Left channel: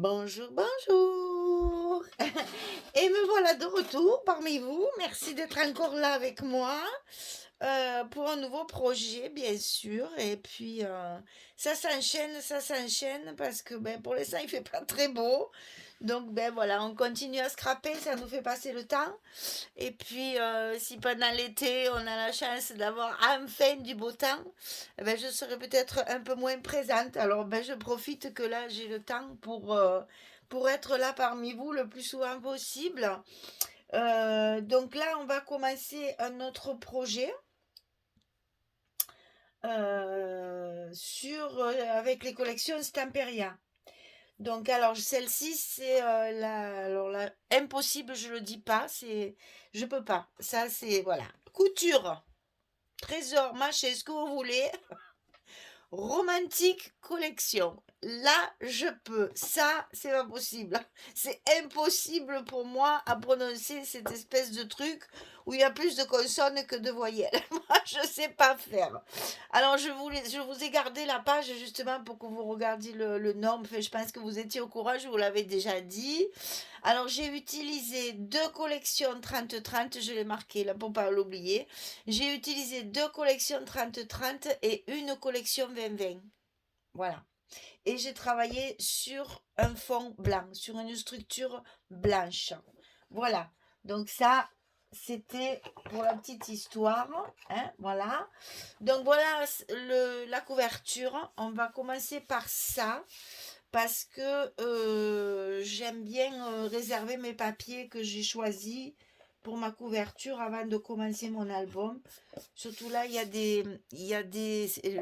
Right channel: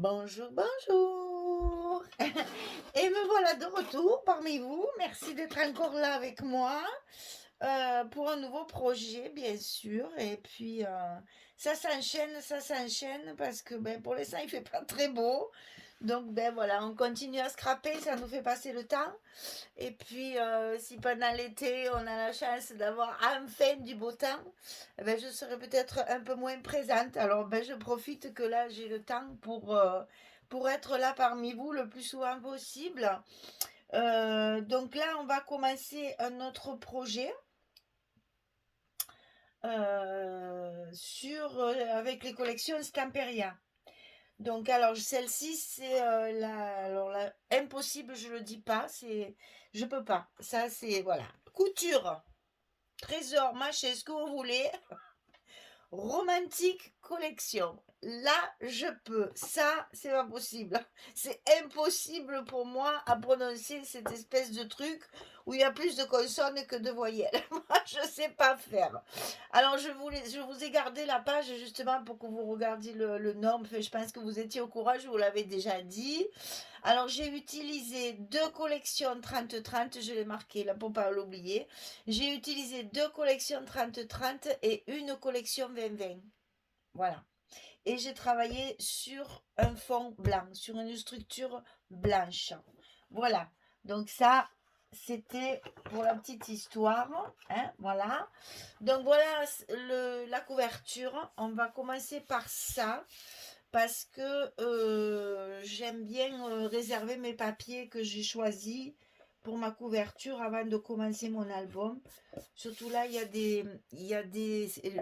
Bonjour, bonjour. Et me voilà de retour parmi vous. Merci d'être encore là avec moi pour un nouveau projet, bien sûr. Et puis, ça s'enchaîne parce que ben, pour l'instant, il fait pas très beau. Donc, ben voilà, on continue à scraper, ça nous fait passer le temps. Et puis, si pendant l'été, on a la chance d'avoir enfin du beau temps, eh ben, je serai peut-être un peu moins présente. Alors, ben, je profite que là, j'ai le temps pour être là parmi vous le plus souvent possible. Donc là, on va commencer un autre projet avec les collections Stamperia. Donc, alors, celle-ci, c'est impossible, je le dis pas, je peux pas. Ça, c'est, voilà. Couture, trésor, machin, ce que vous voulez. Romantique collection. Là, je peux. Ça, c'est pas possible. C'est impossible pour moi à prononcer cette espèce de truc où il y a plus de consonnes que de voyelles. Moi, je sais pas faire. Alors, je vous ai gardé la page justement pour que vous regardiez le nom. Enfin, je pense que vous étiez au courant, je vous l'avais déjà dit. Alors, j'ai utilisé deux collections 30-30, je l'ai marqué là pour pas l'oublier. J'ai utilisé deux collections 30-30 et une collection 20-20. Voilà. Et j'ai travaillé sur un fond blanc, sur une structure blanche. Voilà. Donc ça, c'était pour la petite histoire. Hein, voilà. Donc voilà la couverture. On va commencer par ça parce que j'aime bien réserver mes papiers que j'ai choisis pour ma couverture avant de commencer mon album. Surtout là, le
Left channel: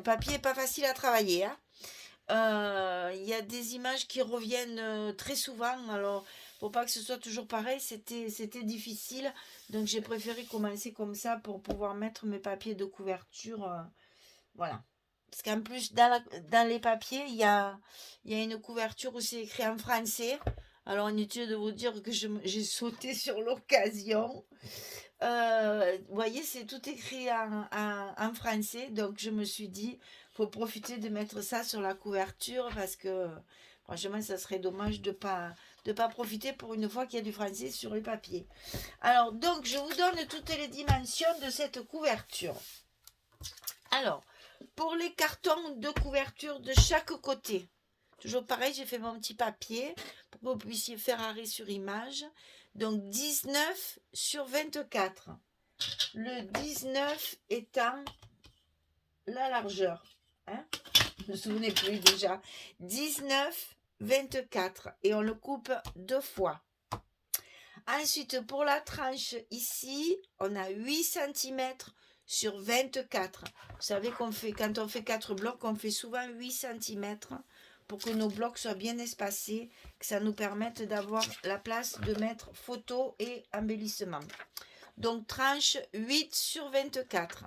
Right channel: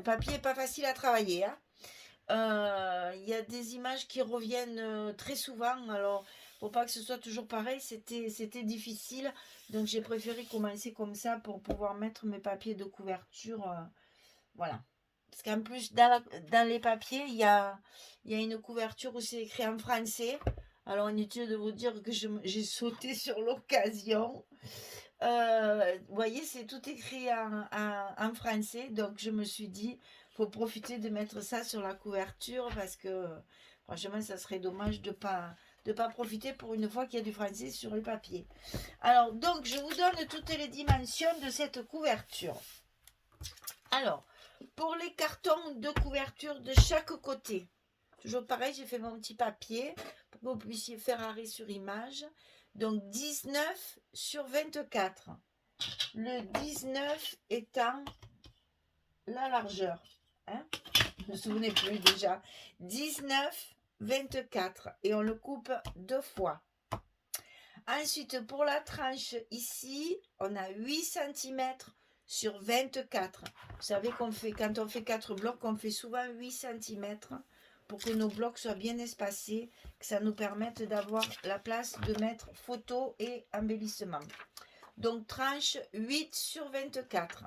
papier n'est pas facile à travailler. Hein. Il y a des images qui reviennent très souvent. Alors, pour pas que ce soit toujours pareil, c'était difficile. Donc, j'ai préféré commencer comme ça pour pouvoir mettre mes papiers de couverture. Voilà. Parce qu'en plus, dans les papiers, il y a une couverture où c'est écrit en français. Alors, inutile de vous dire que j'ai sauté sur l'occasion. Vous voyez, c'est tout écrit en français. Donc, je me suis dit, faut profiter de mettre ça sur la couverture parce que, franchement, ça serait dommage de pas profiter pour une fois qu'il y a du français sur le papier. Alors, donc, je vous donne toutes les dimensions de cette couverture. Alors, pour les cartons de couverture de chaque côté, toujours pareil, j'ai fait mon petit papier pour que vous puissiez faire arrêt sur image. Donc 19 sur 24. Le 19 étant la largeur. Hein, je ne me souvenais plus déjà. 19, 24. Et on le coupe deux fois. Ensuite, pour la tranche ici, on a 8 cm sur 24. Vous savez qu'on fait, quand on fait 4 blocs, on fait souvent 8 cm pour que nos blocs soient bien espacés, que ça nous permette d'avoir la place de mettre photo et embellissement. Donc, tranche 8 sur 24.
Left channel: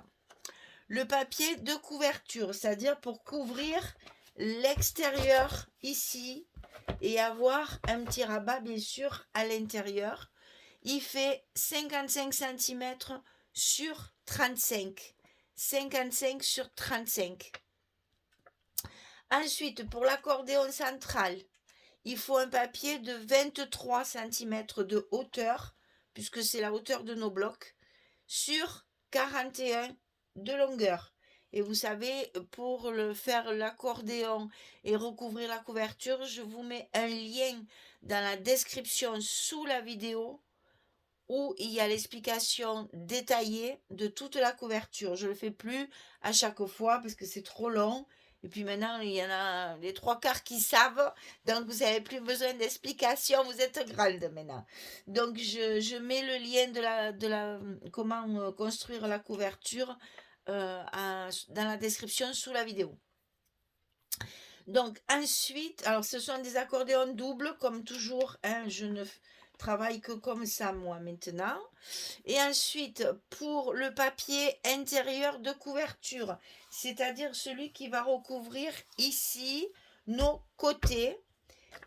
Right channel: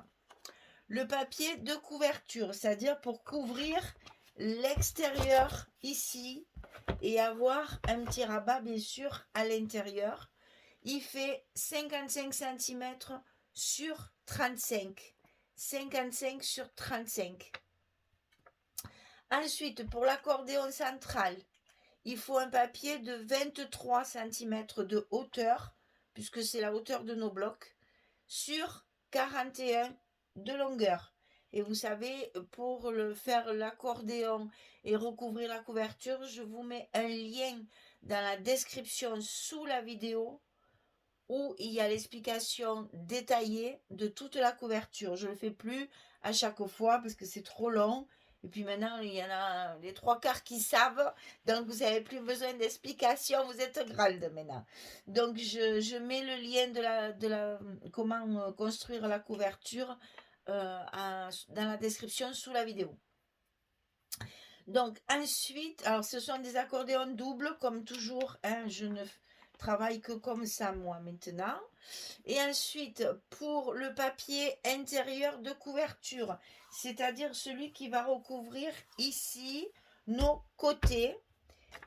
Le papier de couverture, c'est-à-dire pour couvrir l'extérieur ici et avoir un petit rabat, bien sûr, à l'intérieur. Il fait 55 cm sur 35. 55 sur 35. Ensuite, pour l'accordéon central, il faut un papier de 23 cm de hauteur, puisque c'est la hauteur de nos blocs, sur 41 de longueur. Et vous savez, pour faire l'accordéon et recouvrir la couverture, je vous mets un lien dans la description sous la vidéo où il y a l'explication détaillée de toute la couverture. Je ne le fais plus à chaque fois parce que c'est trop long. Et puis maintenant, il y en a les trois quarts qui savent. Donc, vous n'avez plus besoin d'explication. Vous êtes grande maintenant. Donc, je mets le lien comment construire la couverture dans la description sous la vidéo. Donc, ensuite, alors ce sont des accordéons doubles, comme toujours. Hein, je ne travaille que comme ça, moi, maintenant. Et ensuite, pour le papier intérieur de couverture, c'est-à-dire celui qui va recouvrir ici nos côtés,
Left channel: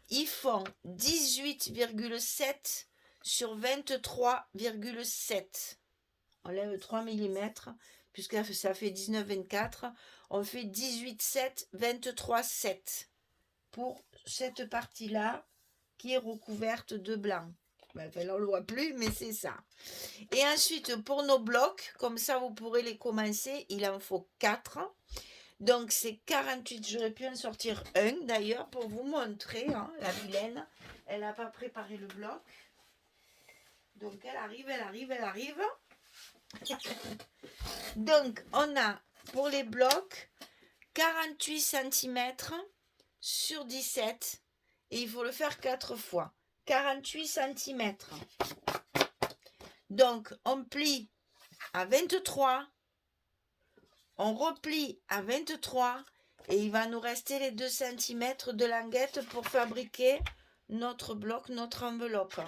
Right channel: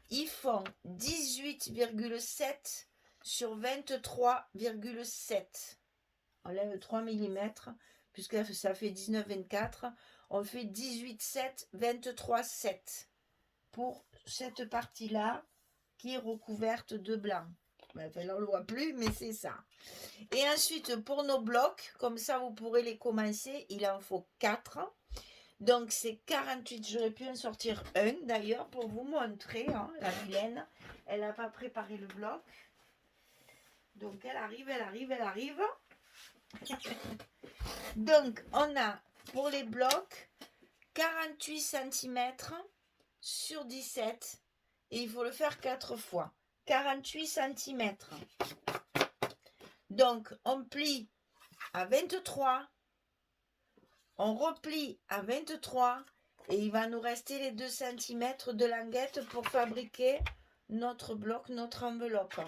ils font 18,7 sur 23,7. On lève 3 mm, puisque ça fait 19,24. On fait 18,7, 23,7 pour cette partie-là qui est recouverte de blanc. Ben, enfin, là, on ne le voit plus, mais c'est ça. Et ensuite, pour nos blocs, comme ça, vous pourrez les commencer. Il en faut 4. Donc, c'est 48. J'aurais pu en sortir un, d'ailleurs, pour vous montrer. Hein, la vilaine, elle n'a pas préparé le bloc. Donc, elle arrive, elle arrive, elle arrive. Donc, on a, pour les blocs, 48 cm sur 17. Et il faut le faire 4 fois. 48 cm. Donc, on plie à 23. On replie à 23. Et il va nous rester les 2 cm de languette pour fabriquer notre bloc, notre enveloppe.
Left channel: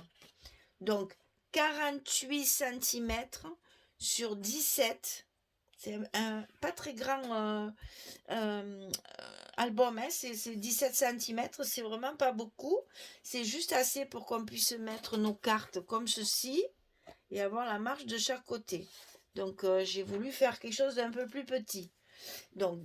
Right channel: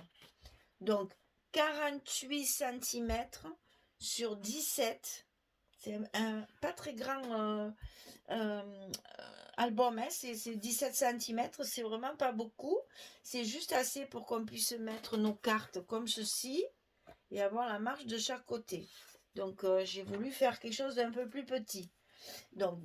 Donc, 48 cm sur 17. C'est un pas très grand album, hein, c'est 17 cm, c'est vraiment pas beaucoup. C'est juste assez pour qu'on puisse mettre nos cartes comme ceci et avoir la marge de chaque côté. Donc, j'ai voulu faire quelque chose d'un peu plus petit. Donc,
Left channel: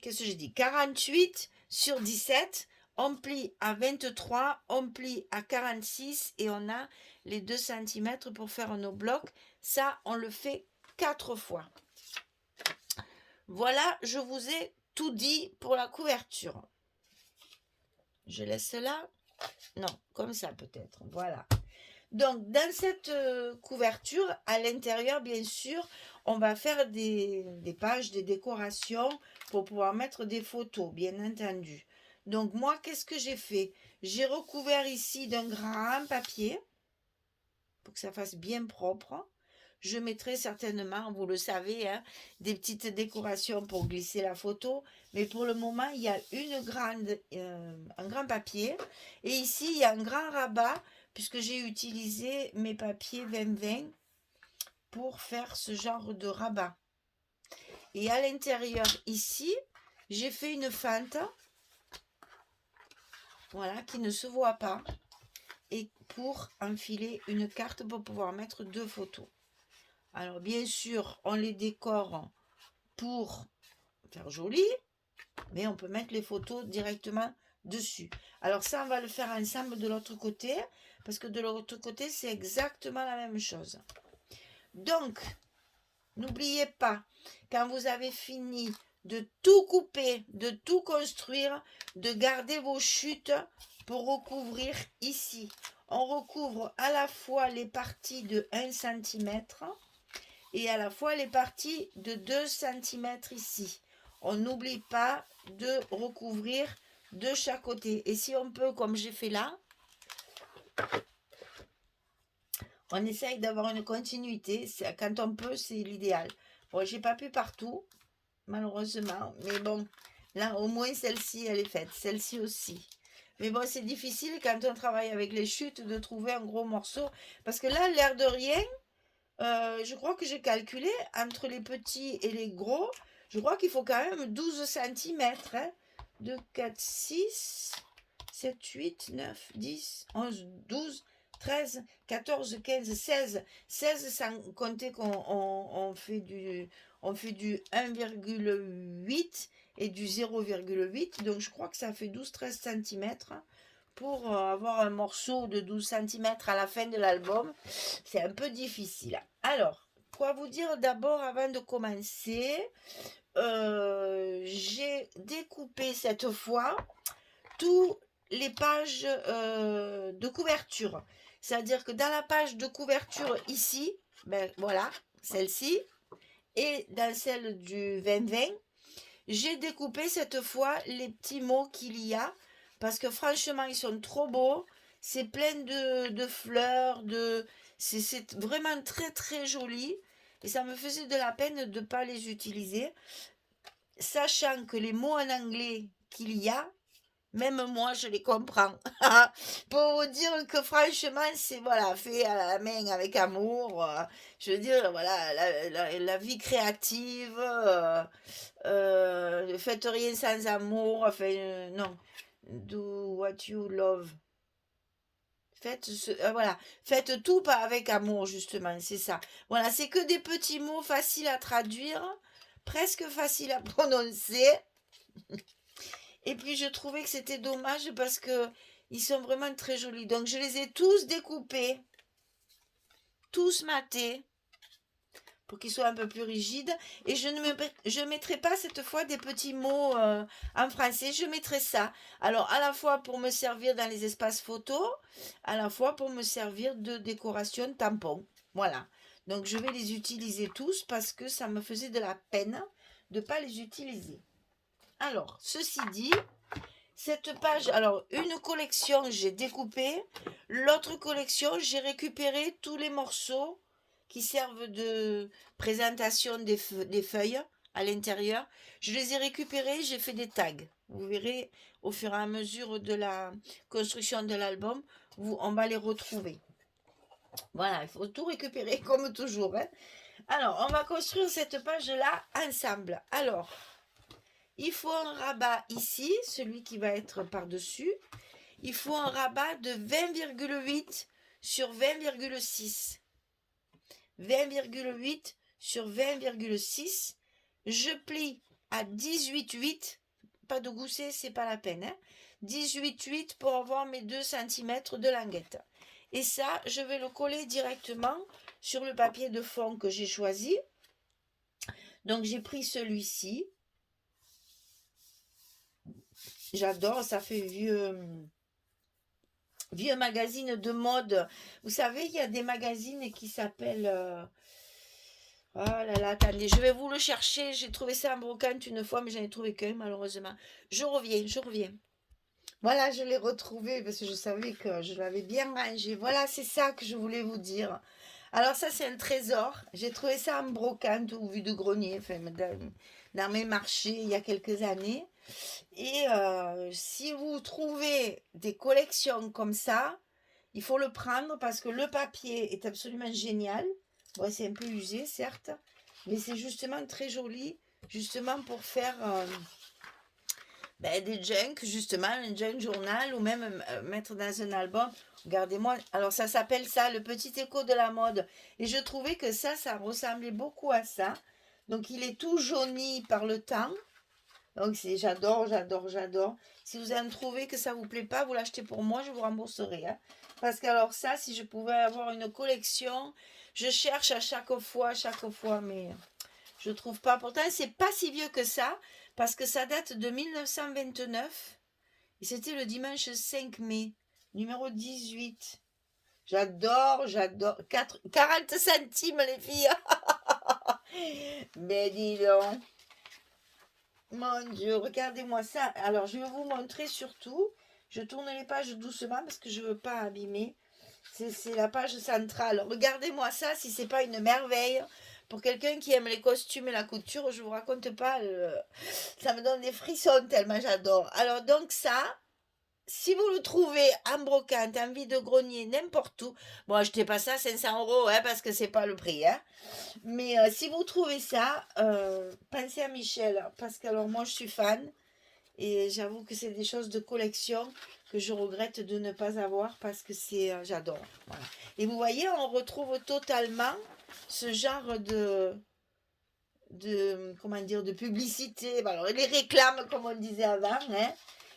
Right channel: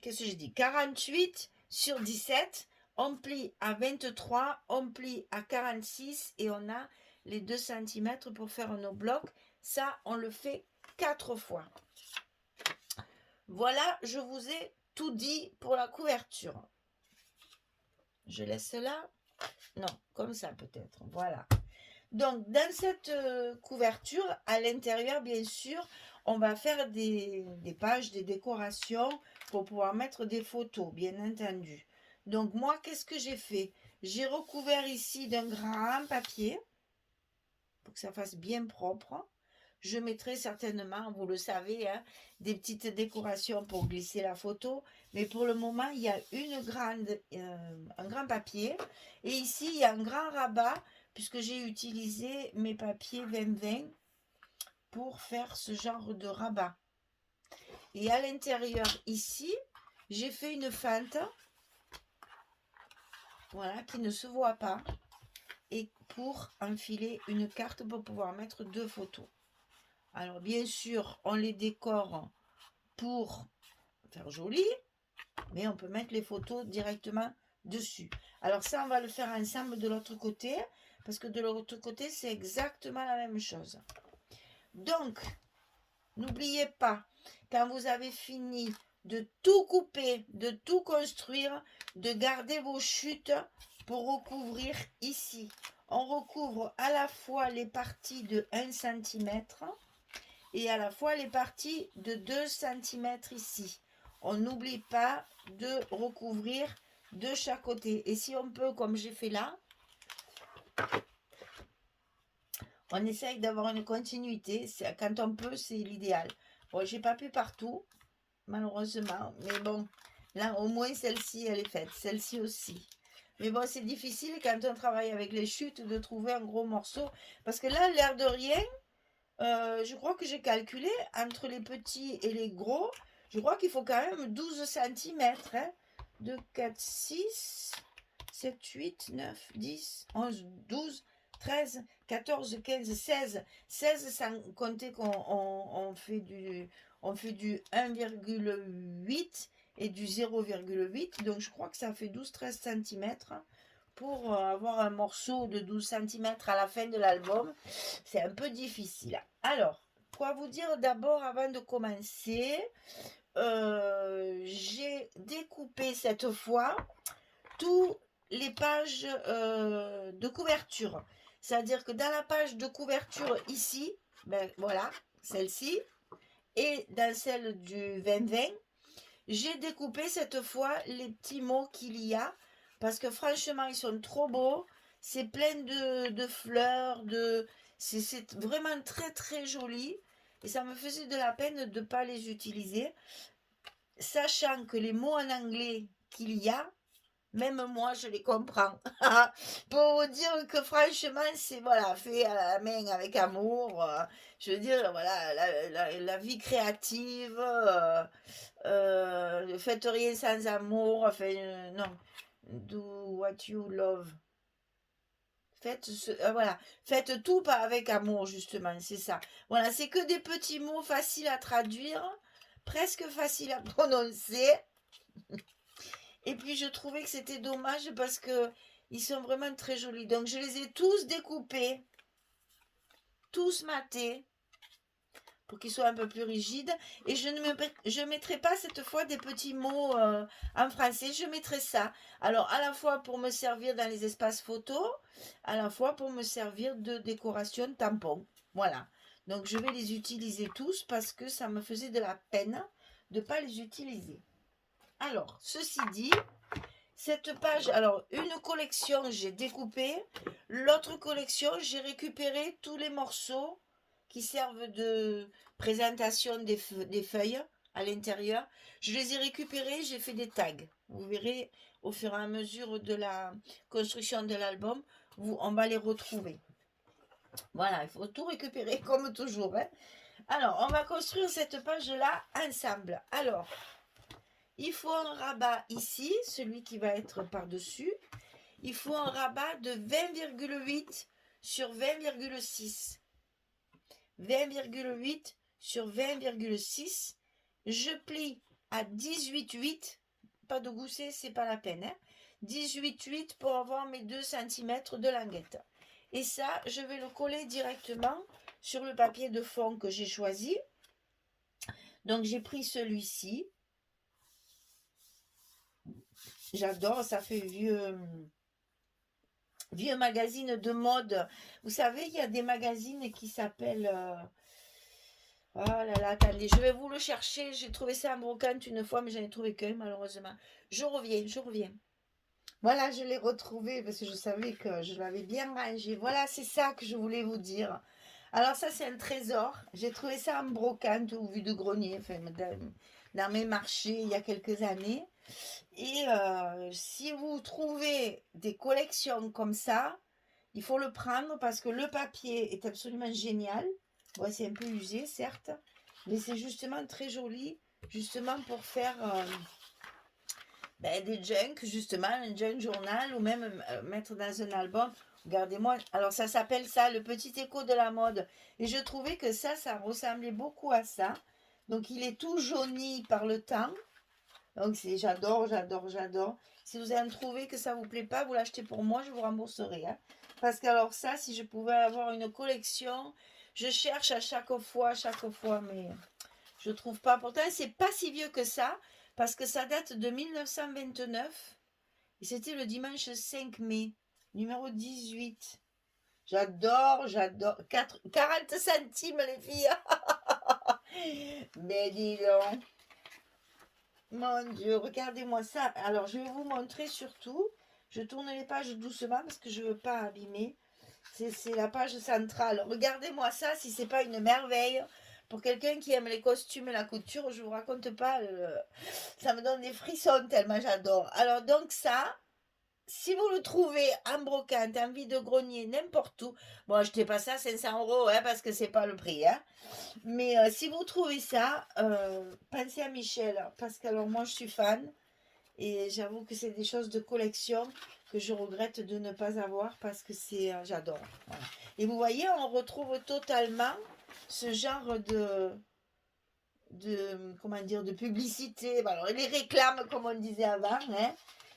qu'est-ce que j'ai dit? 48 sur 17, on plie à 23, on plie à 46 et on a les 2 cm pour faire nos blocs. Ça, on le fait 4 fois. Voilà, je vous ai tout dit pour la couverture. Je laisse là. Non, comme ça peut-être. Voilà. Donc, dans cette couverture, à l'intérieur, bien sûr, on va faire des pages, des décorations pour pouvoir mettre des photos, bien entendu. Donc, moi, qu'est-ce que j'ai fait? J'ai recouvert ici d'un grand papier pour que ça fasse bien propre. Je mettrai certainement, vous le savez, hein, des petites décorations pour glisser la photo. Mais pour le moment, il y a un grand papier. Et ici, il y a un grand rabat, puisque j'ai utilisé mes papiers 20-20 pour faire ce genre de rabat. Et à l'intérieur, ici, j'ai fait une fente, voilà, qui ne se voit pas. Et pour enfiler une carte pour pouvoir mettre 2 photos. Alors, bien sûr, on les décore pour faire joli, mais on peut mettre les photos directement dessus. Alors ça, on va le faire ensemble de l'autre côté, parce que de l'autre côté, c'est exactement la même chose. Donc, n'oubliez pas, quand vous avez fini de tout couper, de tout construire, de garder vos chutes pour recouvrir ici. On recouvre à la fois les parties de 1 cm et à la fois les parties de 2 cm ici. On n'oublie pas de recouvrir de chaque côté. Et si on peut, comme j'ai fait là, on essaye d'avoir une continuité. Quand on peut, c'est l'idéal. Bon, j'ai pas pu partout, malheureusement. Mais bon, là, au moins, celle-ci, elle est faite. Celle-ci aussi. Mais bon, c'est difficile quand on travaille avec les chutes de trouver un gros morceau. Parce que là, l'air de rien, je crois que j'ai calculé entre les petits et les gros. Je crois qu'il faut quand même 12 cm. Hein, 2, 4, 6, 7, 8, 9, 10, 11, 12, 13, 14, 15, 16. 16 sans compter qu'on fait du 1,8 et du 0,8. Donc je crois que ça fait 12-13 cm pour avoir un morceau de 12 cm à la fin de l'album. C'est un peu difficile. Alors, quoi vous dire d'abord avant de commencer? J'ai découpé cette fois toutes les pages de couverture. C'est-à-dire que dans la page de couverture ici, ben voilà, celle-ci, et dans celle du 20-20, j'ai découpé cette fois les petits mots qu'il y a, parce que franchement, ils sont trop beaux. C'est plein de fleurs, c'est vraiment très très joli. Et ça me faisait de la peine de ne pas les utiliser. Sachant que les mots en anglais qu'il y a, même moi, je les comprends. Pour vous dire que franchement, c'est voilà, fait à la main avec amour. Je veux dire, voilà, la vie créative. Faites rien sans amour. Enfin, non. Do what you love. Voilà, faites tout pas avec amour, justement, c'est ça. Voilà, c'est que des petits mots faciles à traduire, presque faciles à prononcer. Et puis je trouvais que c'était dommage parce que Ils sont vraiment très jolis. Donc, je les ai tous découpés, tous matés, pour qu'ils soient un peu plus rigides. Et je ne mettrai pas cette fois des petits mots en français. Je mettrai ça. Alors, à la fois pour me servir dans les espaces photos, à la fois pour me servir de décoration tampon. Voilà. Donc, je vais les utiliser tous parce que ça me faisait de la peine de ne pas les utiliser. Alors, ceci dit, cette page, alors une collection j'ai découpé, l'autre collection j'ai récupéré tous les morceaux qui servent de présentation des feuilles à l'intérieur. Je les ai récupérés, j'ai fait des tags. Vous verrez au fur et à mesure de la construction de l'album, on va les retrouver. Voilà, il faut tout récupérer comme toujours. Hein. Alors, on va construire cette page-là ensemble. Alors, il faut un rabat ici, celui qui va être par-dessus. Il faut un rabat de 20,8 sur 20,6. 20,8 sur 20,6. Je plie à 18,8. Pas de gousset, c'est pas la peine. Hein. 18,8 pour avoir mes 2 cm de languette. Et ça, je vais le coller directement sur le papier de fond que j'ai choisi. Donc, j'ai pris celui-ci. J'adore, ça fait vieux magazine de mode. Vous savez, il y a des magazines qui s'appellent... Oh là là, attendez, je vais vous le chercher. J'ai trouvé ça en brocante une fois, mais j'en ai trouvé qu'un, malheureusement. Je reviens. Voilà, je l'ai retrouvé parce que je savais que je l'avais bien rangé. Voilà, c'est ça que je voulais vous dire. Alors ça, c'est un trésor. J'ai trouvé ça en brocante ou vue de grenier, enfin, dans mes marchés il y a quelques années. Et si vous trouvez des collections comme ça, il faut le prendre parce que le papier est absolument génial. Bon, c'est un peu usé, certes, mais c'est justement très joli, justement pour faire des junk, justement, un junk journal ou même mettre dans un album. Regardez-moi, alors ça s'appelle ça, le petit écho de la mode. Et je trouvais que ça ressemblait beaucoup à ça. Donc il est tout jauni par le temps. Donc j'adore. Si vous en trouvez que ça vous plaît pas, vous l'achetez pour moi, je vous rembourserai. Hein. Parce que alors ça, si je pouvais avoir une collection, je cherche à chaque fois, mais je trouve pas. Pourtant, c'est pas si vieux que ça, parce que ça date de 1929. Et c'était le dimanche 5 mai, numéro 18. J'adore. 40 centimes, les filles. Mais dis donc. Mon Dieu, regardez-moi ça. Alors, je vais vous montrer surtout. Je tourne les pages doucement parce que je ne veux pas abîmer. C'est la page centrale. Regardez-moi ça, si c'est pas une merveille. Pour quelqu'un qui aime les costumes et la couture, je vous raconte pas. Ça me donne des frissons tellement j'adore. Alors, donc ça, si vous le trouvez en brocante, en vide-grenier, n'importe où, bon, achetez pas ça 500 € hein, parce que c'est pas le prix. Hein. Mais si vous trouvez ça, pensez à Michel, parce que alors moi je suis fan, et j'avoue que c'est des choses de collection que je regrette de ne pas avoir parce que j'adore. Voilà. Et vous voyez, on retrouve totalement ce genre comment dire, de publicité. Alors, les réclames, comme on disait avant, hein,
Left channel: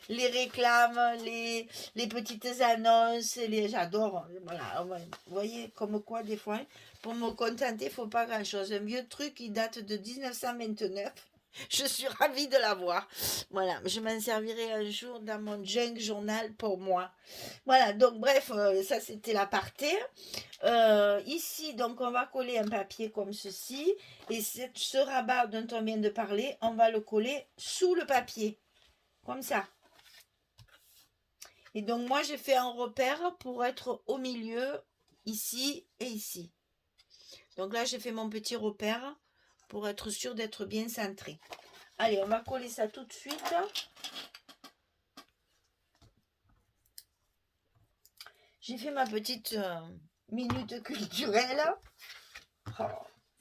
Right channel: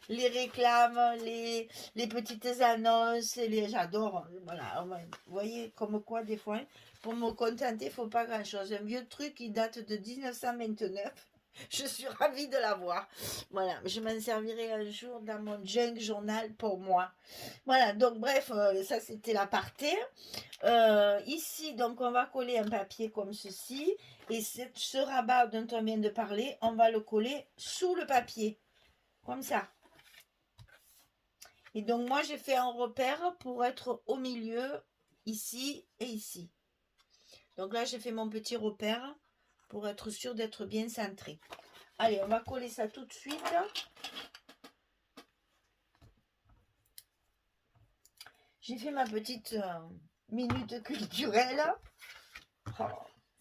les réclames, les petites annonces, j'adore. Voilà, vous voyez, comme quoi, des fois, pour me contenter, il ne faut pas grand-chose. Un vieux truc qui date de 1929. Je suis ravie de l'avoir. Voilà, je m'en servirai un jour dans mon junk journal pour moi. Voilà, donc bref, ça c'était l'aparté. Ici, donc on va coller un papier comme ceci. Et ce rabat dont on vient de parler, on va le coller sous le papier. Comme ça. Et donc moi j'ai fait un repère pour être au milieu, ici et ici. Donc là j'ai fait mon petit repère pour être sûr d'être bien centré. Allez, on va coller ça tout de suite. J'ai fait ma petite minute culturelle. Oh,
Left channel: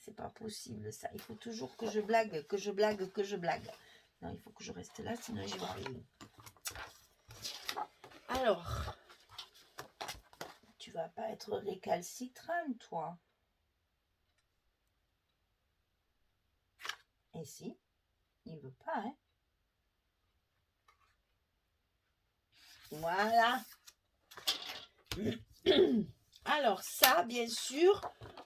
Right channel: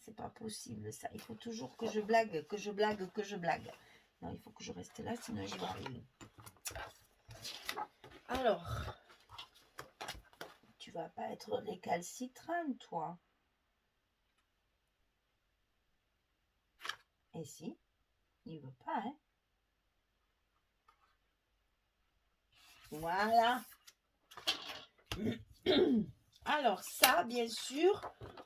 c'est pas possible ça. Il faut toujours que je blague. Non, il faut que je reste là, sinon je vais arriver. Alors, tu vas pas être récalcitrant, toi. Et si, il veut pas, hein. Voilà. Alors ça, bien sûr,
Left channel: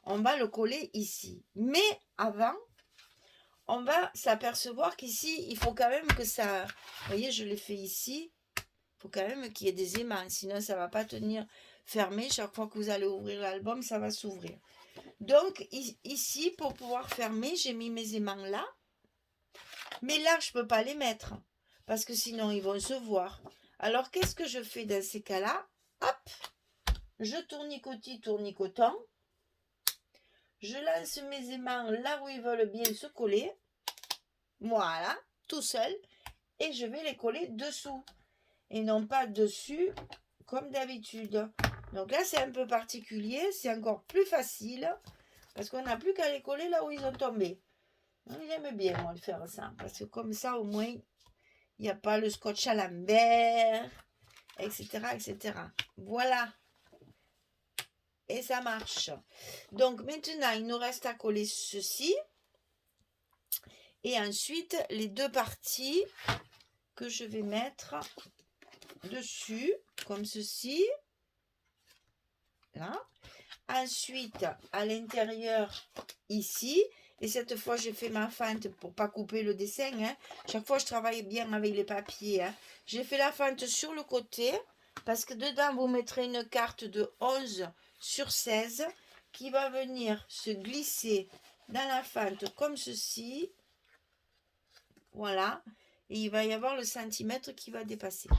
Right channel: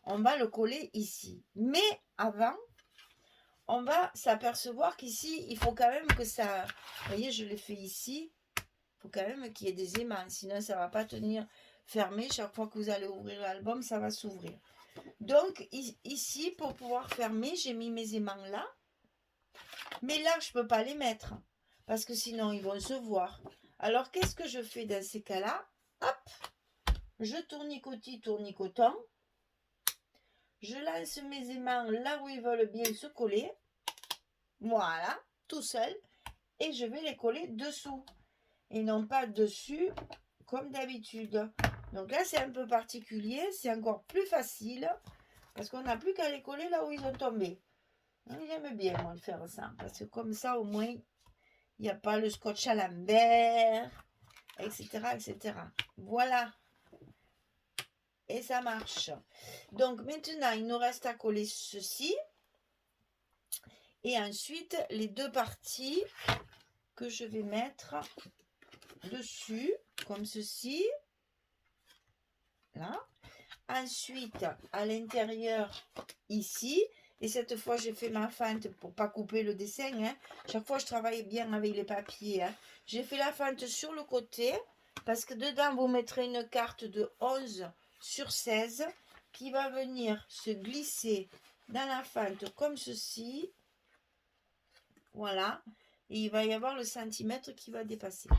on va le coller ici. Mais avant, on va s'apercevoir qu'ici, il faut quand même que ça... Vous voyez, je l'ai fait ici. Il faut quand même qu'il y ait des aimants. Sinon, ça ne va pas tenir fermé. Chaque fois que vous allez ouvrir l'album, ça va s'ouvrir. Donc, ici, pour pouvoir fermer, j'ai mis mes aimants là. Mais là, je ne peux pas les mettre. Parce que sinon, ils vont se voir. Alors, qu'est-ce que je fais dans ces cas-là? Hop, je tournicotis. Je lance mes aimants là où ils veulent bien se coller. Voilà, tout seul. Et je vais les coller dessous. Et non pas dessus, comme d'habitude. Donc là, c'est un peu particulier. C'est encore plus facile. Parce qu'on n'a plus qu'à les coller là où ils ont tombé. J'aime bien, moi, de faire ça. Parce que comme ça, au moins, il n'y a pas le scotch à l'envers, etc., etc. Voilà. Et ça marche. Donc, maintenant, il nous reste à coller ceci. Et ensuite, les deux parties que je vais mettre dessus, comme ceci. Là. Ensuite, à l'intérieur, ici. Et cette fois, j'ai fait ma fente pour pas couper le dessin. Hein. Chaque fois, je travaille bien avec les papiers. Hein. J'ai fait la fente sur le côté. Parce que dedans, vous mettrez une carte de 11 sur 16 qui va venir se glisser dans la fente comme ceci. Voilà. Et il va y avoir le centimètre qui va dépasser.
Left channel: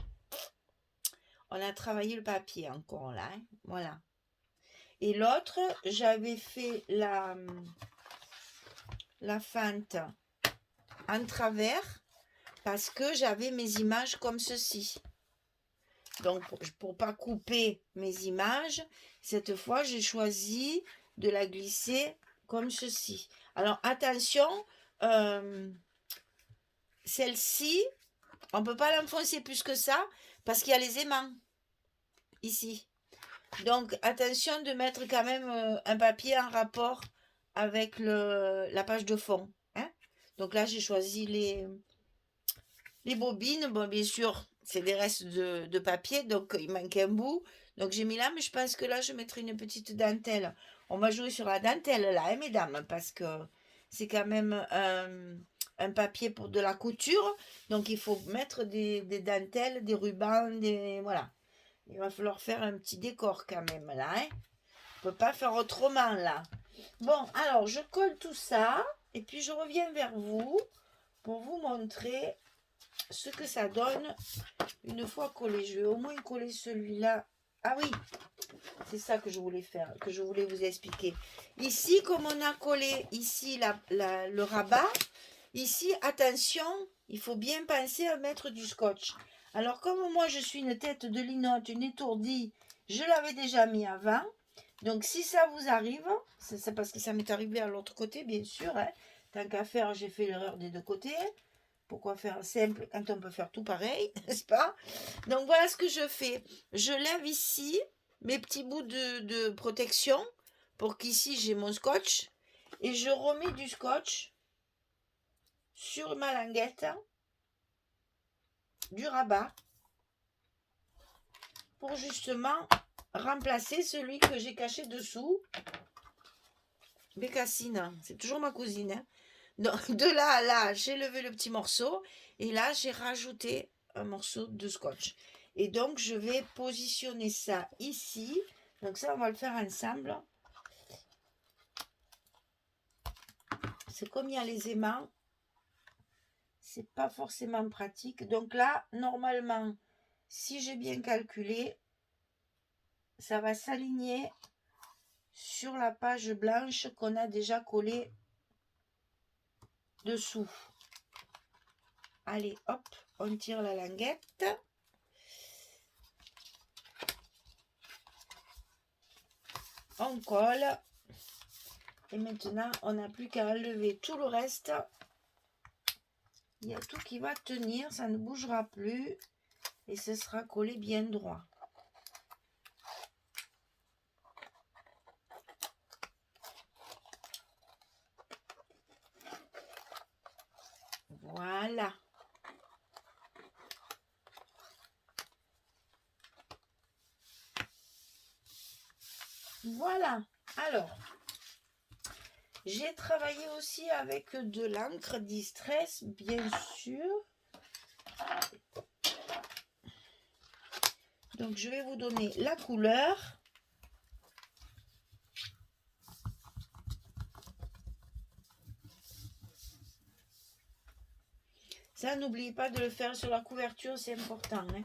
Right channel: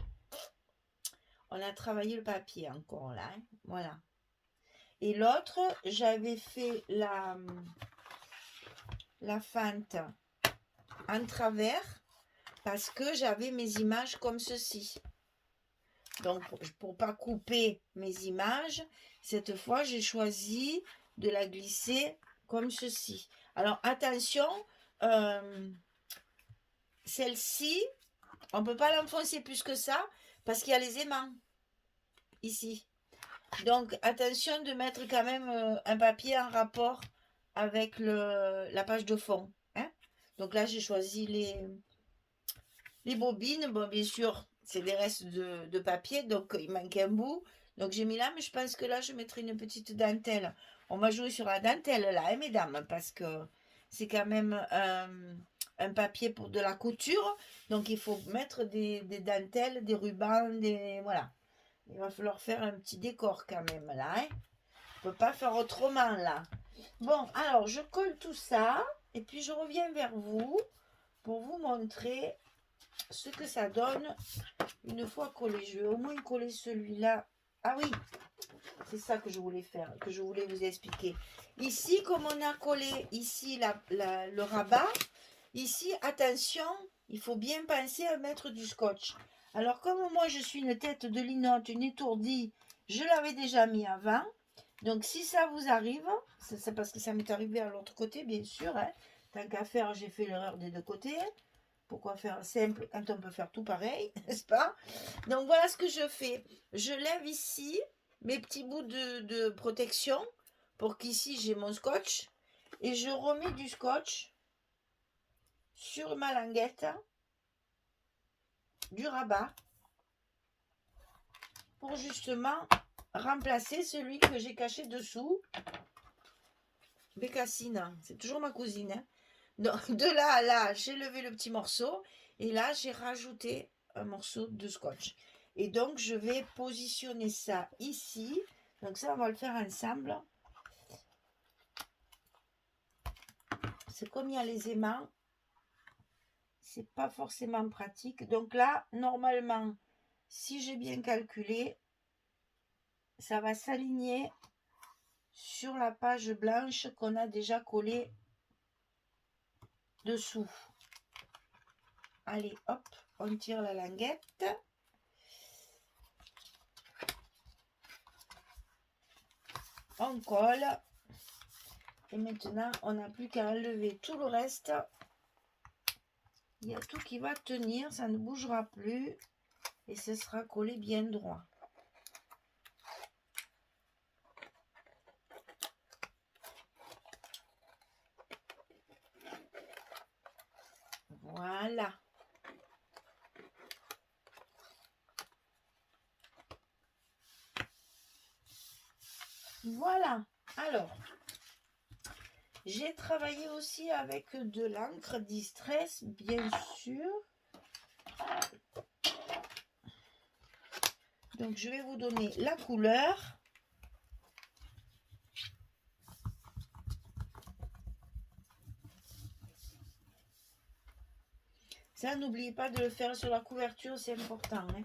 On a travaillé le papier encore là. Hein. Voilà. Et l'autre, j'avais fait la fente en travers parce que j'avais mes images comme ceci. Donc, pour pas couper mes images, cette fois, j'ai choisi de la glisser comme ceci. Alors, attention, celle-ci, on ne peut pas l'enfoncer plus que ça parce qu'il y a les aimants ici. Donc, attention de mettre quand même un papier en rapport avec la page de fond. Hein. Donc là, j'ai choisi les bobines. Bon, bien sûr, c'est des restes de papier, donc il manque un bout. Donc j'ai mis là, mais je pense que là, je mettrai une petite dentelle. On va jouer sur la dentelle là, hein, mesdames, parce que c'est quand même un papier pour de la couture. Donc il faut mettre des dentelles, des rubans, voilà. Il va falloir faire un petit décor quand même là. Hein. On ne peut pas faire autrement là. Bon, alors je colle tout ça et puis je reviens vers vous pour vous montrer ce que ça donne une fois collé. Je vais au moins coller celui-là. Ah oui, c'est ça que je voulais faire, que je voulais vous expliquer. Ici, comme on a collé ici le rabat, ici, attention, il faut bien penser à mettre du scotch. Alors, comme moi, je suis une tête de linotte, une étourdie, je l'avais déjà mis avant. Donc, si ça vous arrive, c'est parce que ça m'est arrivé à l'autre côté, bien sûr. Hein. Tant qu'à faire, j'ai fait l'erreur des deux côtés. Pourquoi faire simple quand on peut faire tout pareil, n'est-ce pas? Donc, voilà ce que je fais. Je lève ici mes petits bouts de protection pour qu'ici, j'ai mon scotch. Et je remets du scotch sur ma languette du rabat pour justement remplacer celui que j'ai caché dessous. Bécassine, c'est toujours ma cousine. Hein. Donc, de là à là, j'ai levé le petit morceau et là, j'ai rajouté un morceau de scotch. Et donc, je vais positionner ça ici. Donc ça, on va le faire ensemble. C'est comme il y a les aimants. C'est pas forcément pratique. Donc là, normalement, si j'ai bien calculé, ça va s'aligner sur la page blanche qu'on a déjà collée dessous. Allez, hop, on tire la languette. On colle. Et maintenant, on n'a plus qu'à enlever tout le reste. Il y a tout qui va tenir, ça ne bougera plus. Et ce sera collé bien droit. Voilà. Voilà. Alors, j'ai travaillé aussi avec de l'encre Distress, bien sûr. Donc, je vais vous donner la couleur. Ça, n'oubliez pas de le faire sur la couverture, c'est important. Hein,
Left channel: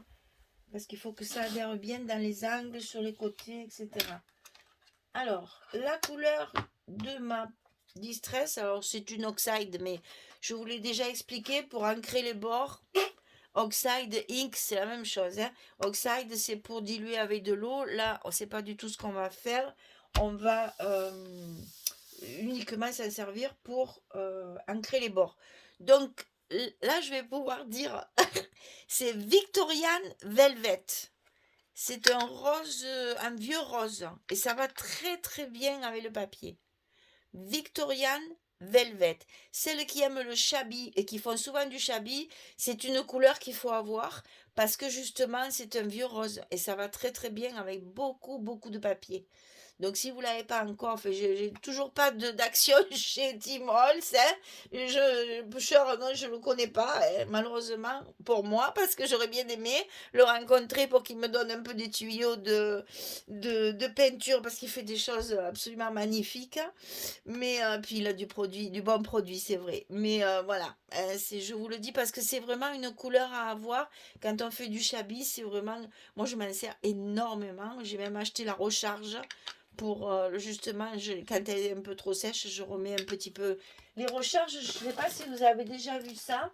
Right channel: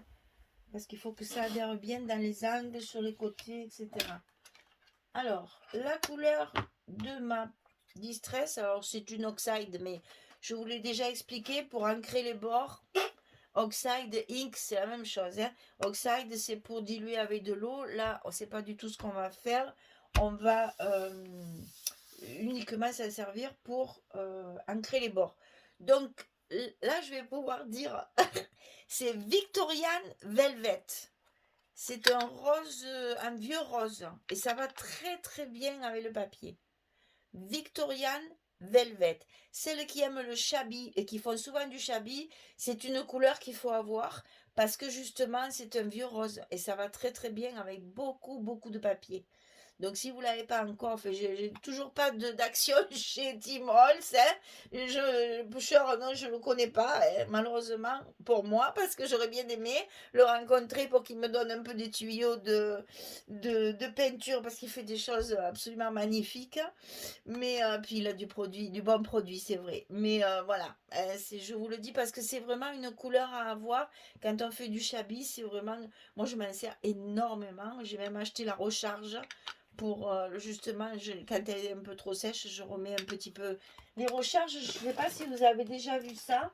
parce qu'il faut que ça adhère bien dans les angles, sur les côtés, etc. Alors, la couleur de ma Distress, alors c'est une Oxide, mais je vous l'ai déjà expliqué, pour ancrer les bords, Oxide, Ink, c'est la même chose. Hein. Oxide, c'est pour diluer avec de l'eau. Là, on ne sait pas du tout ce qu'on va faire. On va uniquement s'en servir pour ancrer les bords. Donc, là, je vais pouvoir dire, c'est Victorian Velvet. C'est un rose, un vieux rose. Et ça va très très bien avec le papier. Victorian Velvet. Celles qui aiment le shabby et qui font souvent du shabby, c'est une couleur qu'il faut avoir parce que justement c'est un vieux rose et ça va très très bien avec beaucoup beaucoup de papier. Donc si vous ne l'avez pas encore fait, j'ai toujours pas d'action chez Tim Holtz. Hein. Boucher, non, je ne le connais pas, hein, malheureusement pour moi, parce que j'aurais bien aimé le rencontrer pour qu'il me donne un peu des tuyaux de peinture, parce qu'il fait des choses absolument magnifiques. Mais puis il a du produit, du bon produit, c'est vrai. Mais voilà, je vous le dis parce que c'est vraiment une couleur à avoir. Quand on fait du shabby, c'est vraiment. Moi, je m'en sers énormément. J'ai même acheté la recharge pour justement, quand elle est un peu trop sèche, je remets un petit peu. Les recharges, je ne sais pas si vous avez déjà vu ça.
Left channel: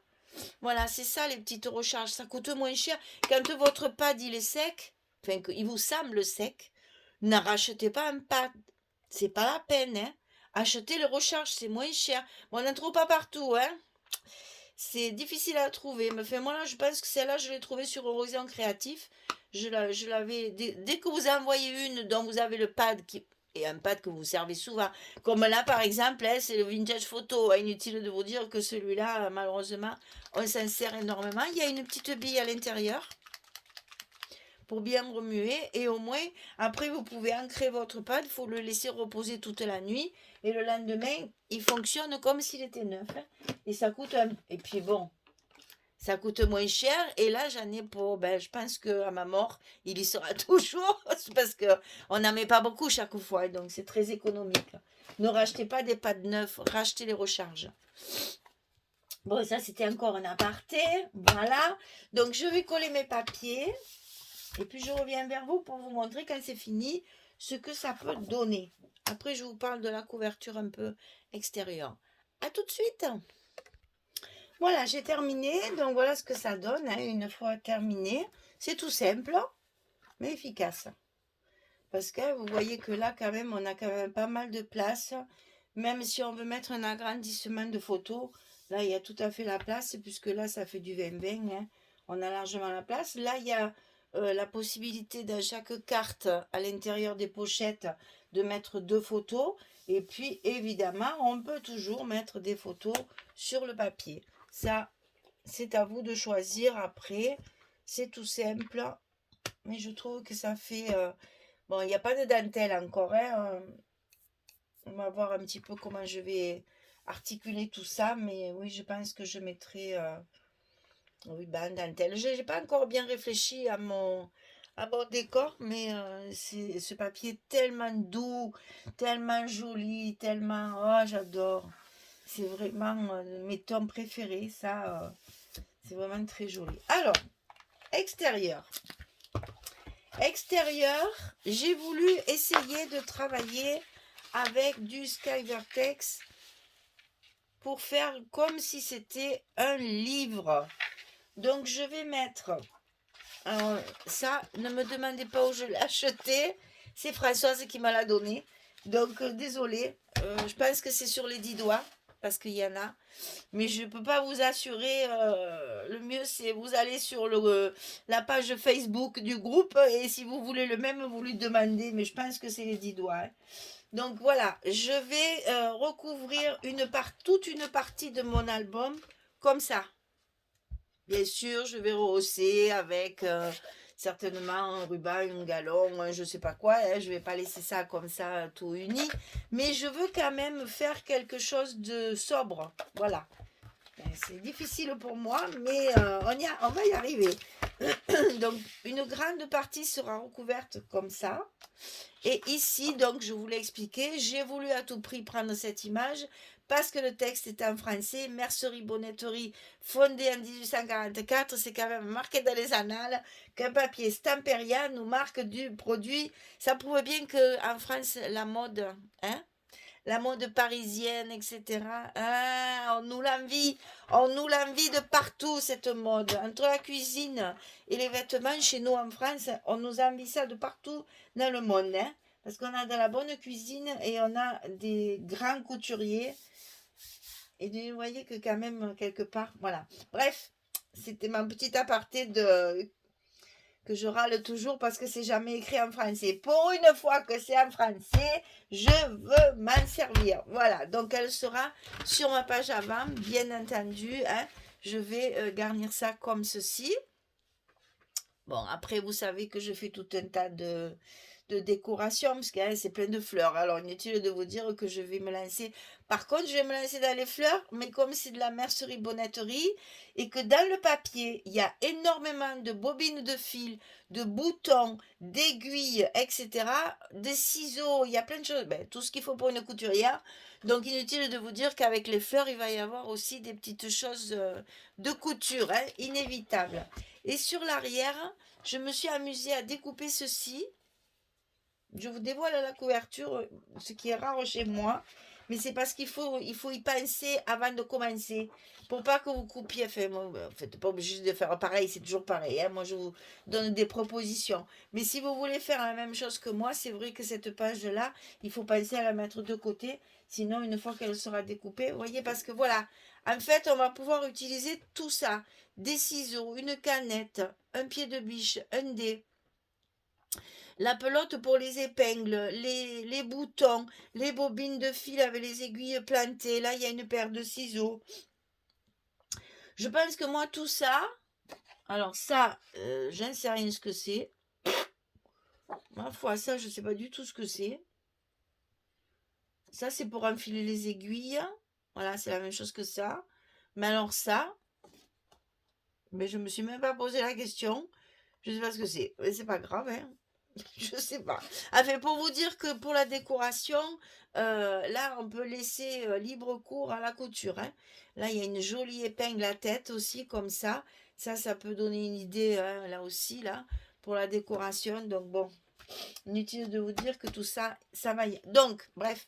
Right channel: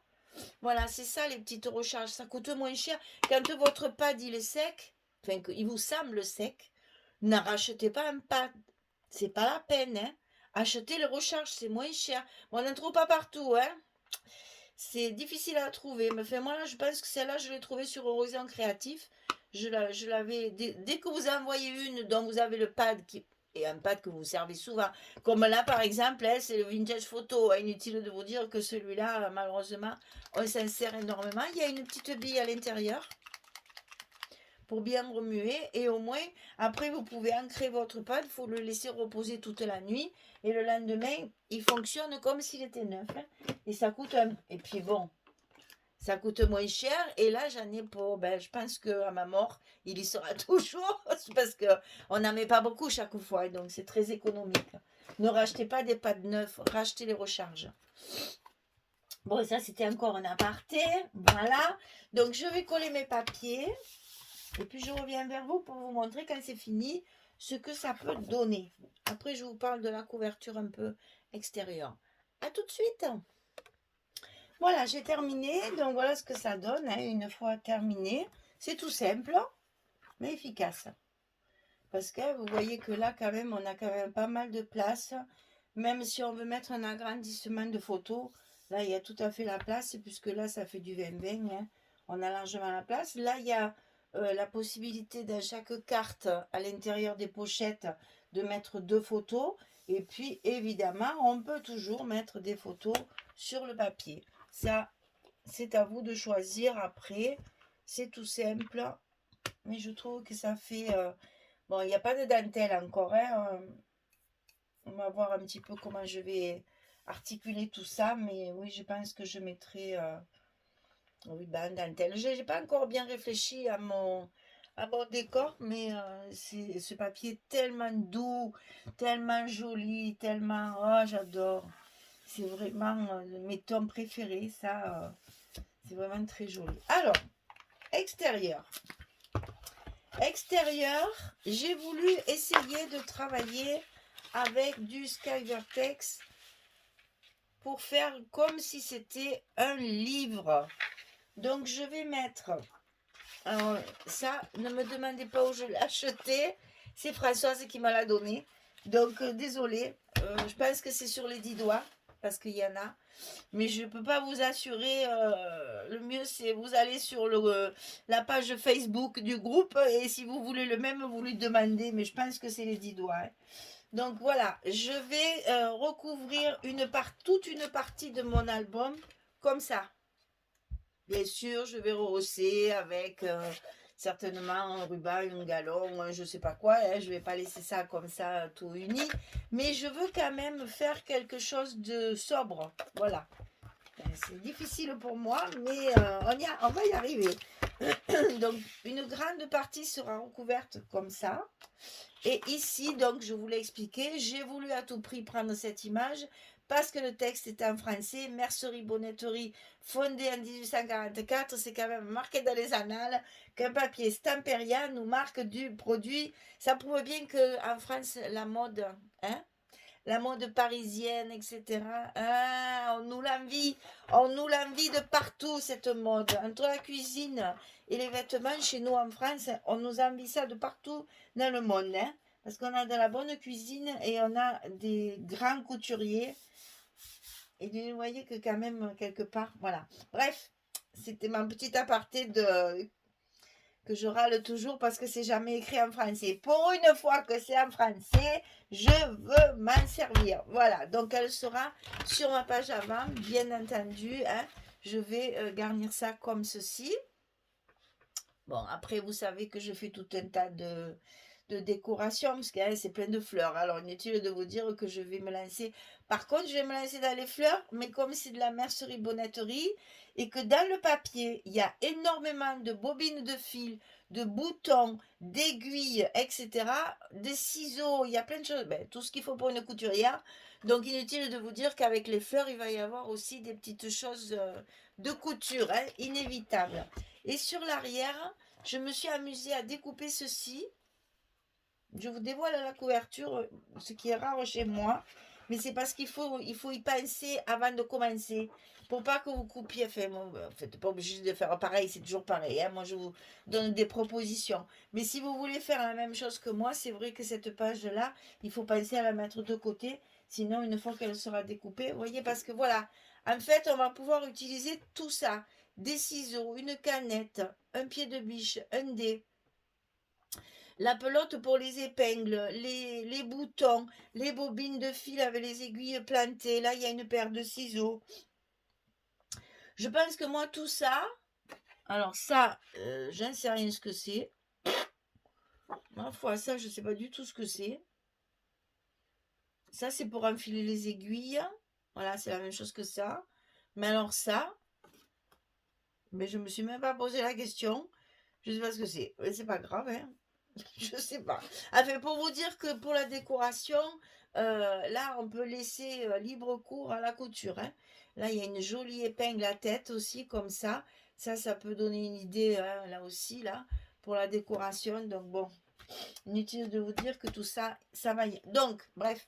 Voilà, c'est ça les petites recharges. Ça coûte moins cher. Quand votre pad il est sec, enfin, il vous semble sec, n'arrachetez pas un pad. C'est pas la peine, hein. Achetez les recharges, c'est moins cher. On n'en trouve pas partout, hein. C'est difficile à trouver. Mais enfin, moi, là, je pense que celle-là, je l'ai trouvée sur Horizon Créatif. Je l'avais. Dès que vous envoyez une dont vous avez le pad qui. Et un pad que vous servez souvent. Comme là, par exemple, hein, c'est le vintage photo. Inutile de vous dire que celui-là, malheureusement, on s'en sert énormément. Il y a une petite bille à l'intérieur pour bien remuer et au moins après vous pouvez ancrer votre pad, il faut le laisser reposer toute la nuit et le lendemain il fonctionne comme s'il était neuf. Hein. Et ça coûte et puis bon, ça coûte moins cher et là j'en ai pour je pense que à ma mort il y sera toujours parce que on n'en met pas beaucoup chaque fois donc c'est très économique. Ne rachetez pas des pads neufs, rachetez les recharges. Bon, ça c'était encore un aparté, voilà. Donc je vais coller mes papiers. Et puis je reviens vers vous pour vous montrer quand c'est fini ce que ça peut donner. Après je vous parle de la couverture un peu extérieure. A tout de suite. Voilà, j'ai terminé. Donc voilà ce que ça donne hein, une fois terminé. C'est tout simple, mais efficace. Parce que vous voyez que là quand même, on a quand même pas mal de place. Même si on veut mettre un agrandissement de photos, là il y a tout à fait la place, puisque là ça fait du 20-20. Hein. On a largement la place. Là il y a la possibilité dans chaque carte, à l'intérieur des pochettes, de mettre 2 photos. Et puis évidemment, on peut toujours mettre des photos sur le papier. Ça, c'est à vous de choisir après. C'est tout simple. Mais je trouve que ça fait... bon, il n'y a pas de dentelle encore. Hein, on va voir un petit peu comment je vais articuler tout ça. Mais oui, je pense que je mettrai... oui, ben, dentelle. Je n'ai pas encore bien réfléchi à mon décor, mais ce papier est tellement doux, tellement joli, tellement... Oh, j'adore. C'est vraiment mes tons préférés, ça. C'est vraiment très joli. Alors, extérieur. Extérieur, j'ai voulu essayer de travailler avec du Sky Vertex pour faire comme si c'était un livre. Donc, je vais mettre... Alors, ça, ne me demandez pas où je l'ai acheté. C'est Françoise qui m'a l'a donné. Donc, désolée. Je pense que c'est sur les 10 doigts, parce qu'il y en a. Mais je ne peux pas vous assurer. Le mieux, c'est vous allez sur la page Facebook du groupe. Et si vous voulez le même, vous lui demandez. Mais je pense que c'est les 10 doigts. Hein. Donc, voilà. Je vais recouvrir toute une partie de mon album comme ça. Bien sûr, je vais rehausser avec certainement un ruban, un galon, un je sais pas quoi, hein, je vais pas laisser ça comme ça tout uni, mais je veux quand même faire quelque chose de sobre, voilà. C'est difficile pour moi, mais on va y arriver. Donc, une grande partie sera recouverte comme ça. Et ici, donc, je vous l'ai expliqué, j'ai voulu à tout prix prendre cette image parce que le texte est en français. Mercerie-Bonneterie, fondée en 1844, c'est quand même marqué dans les annales qu'un papier Stamperia nous marque du produit. Ça prouve bien qu'en France, hein, la mode parisienne, etc. Ah, on nous l'envie de partout, cette mode. Entre la cuisine et les vêtements, chez nous en France, on nous envie ça de partout dans le monde. Hein, parce qu'on a de la bonne cuisine et on a des grands couturiers. Et vous voyez que quand même, quelque part, voilà. Bref, c'était mon petit aparté que je râle toujours parce que c'est jamais écrit en français. Pour une fois que c'est en français, je veux m'en servir. Voilà, donc elle sera sur ma page avant, bien entendu. Hein. Je vais garnir ça comme ceci. Bon, après, vous savez que je fais tout un tas de décoration, parce que c'est plein de fleurs. Alors, inutile de vous dire que je vais me lancer. Par contre, je vais me lancer dans les fleurs, mais comme c'est de la mercerie-bonneterie, et que dans le papier, il y a énormément de bobines de fil, de boutons, d'aiguilles, etc., des ciseaux, il y a plein de choses, ben, tout ce qu'il faut pour une couturière. Donc, inutile de vous dire qu'avec les fleurs, il va y avoir aussi des petites choses de couture, hein, inévitables. Et sur l'arrière, je me suis amusée à découper ceci. Je vous dévoile la couverture, ce qui est rare chez moi. Mais c'est parce qu'il faut y penser avant de commencer. Pour pas que vous coupiez. Enfin, vous n'êtes pas obligé de faire pareil, c'est toujours pareil. Hein. Moi, je vous donne des propositions. Mais si vous voulez faire la même chose que moi, c'est vrai que cette page-là, il faut penser à la mettre de côté. Sinon, une fois qu'elle sera découpée, vous voyez, parce que voilà, en fait, on va pouvoir utiliser tout ça. Des ciseaux, une canette, un pied de biche, un dé, la pelote pour les épingles, les boutons, les bobines de fil avec les aiguilles plantées. Là, il y a une paire de ciseaux. Je pense que moi, tout ça, alors ça, j'en sais rien ce que c'est. Ma foi, ça, je ne sais pas du tout ce que c'est. Ça, c'est pour enfiler les aiguilles. Voilà, c'est la même chose que ça. Mais alors ça, mais je ne me suis même pas posé la question. Je ne sais pas ce que c'est. Mais c'est pas grave, hein. Je sais pas. Enfin, pour vous dire que pour la décoration, là, on peut laisser libre cours à la couture. Hein. Là, il y a une jolie épingle à tête aussi, comme ça. Ça peut donner une idée, hein, là aussi, là, pour la décoration. Donc, bon, inutile de vous dire que tout ça, ça va y... Donc, bref.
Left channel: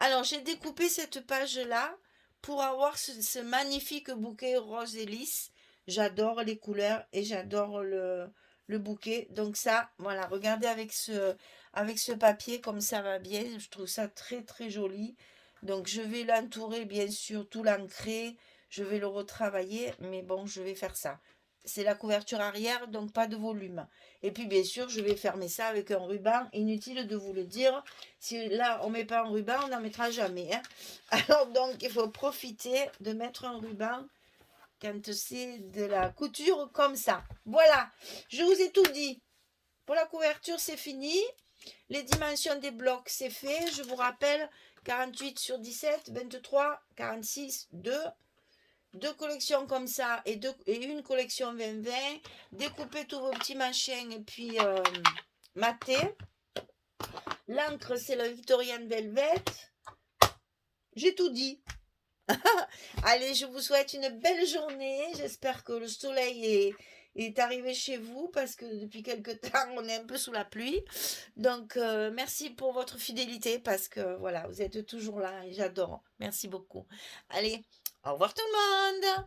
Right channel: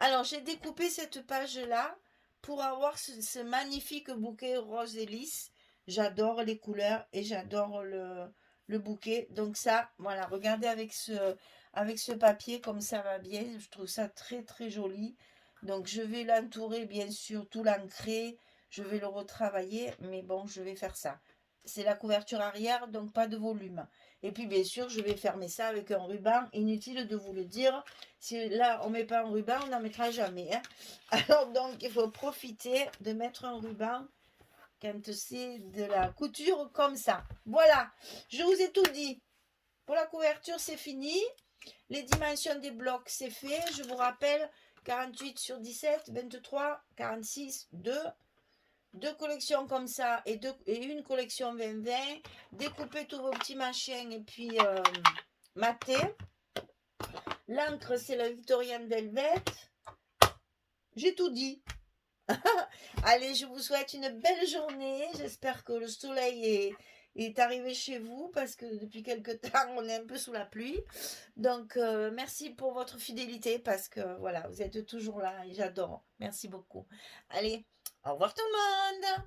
Alors, j'ai découpé cette page-là pour avoir ce magnifique bouquet rose et lisse. J'adore les couleurs et j'adore le bouquet. Donc ça, voilà, regardez avec ce papier comme ça va bien. Je trouve ça très très joli. Donc je vais l'entourer bien sûr, tout l'ancrer. Je vais le retravailler, mais bon, je vais faire ça. C'est la couverture arrière, donc pas de volume. Et puis bien sûr, je vais fermer ça avec un ruban. Inutile de vous le dire. Si là, on ne met pas un ruban, on n'en mettra jamais. Hein. Alors donc, il faut profiter de mettre un ruban quand c'est de la couture comme ça. Voilà, je vous ai tout dit. Pour la couverture, c'est fini. Les dimensions des blocs, c'est fait. Je vous rappelle, 48 sur 17, 23, 46, 2. Deux collections comme ça et une collection 20-20. Découpez tous vos petits machins et puis matez. L'encre, c'est la Victorian Velvet. J'ai tout dit. Allez, je vous souhaite une belle journée. J'espère que le soleil est arrivé chez vous parce que depuis quelque temps, on est un peu sous la pluie. Donc, merci pour votre fidélité parce que voilà, vous êtes toujours là et j'adore. Merci beaucoup. Allez, au revoir tout le monde.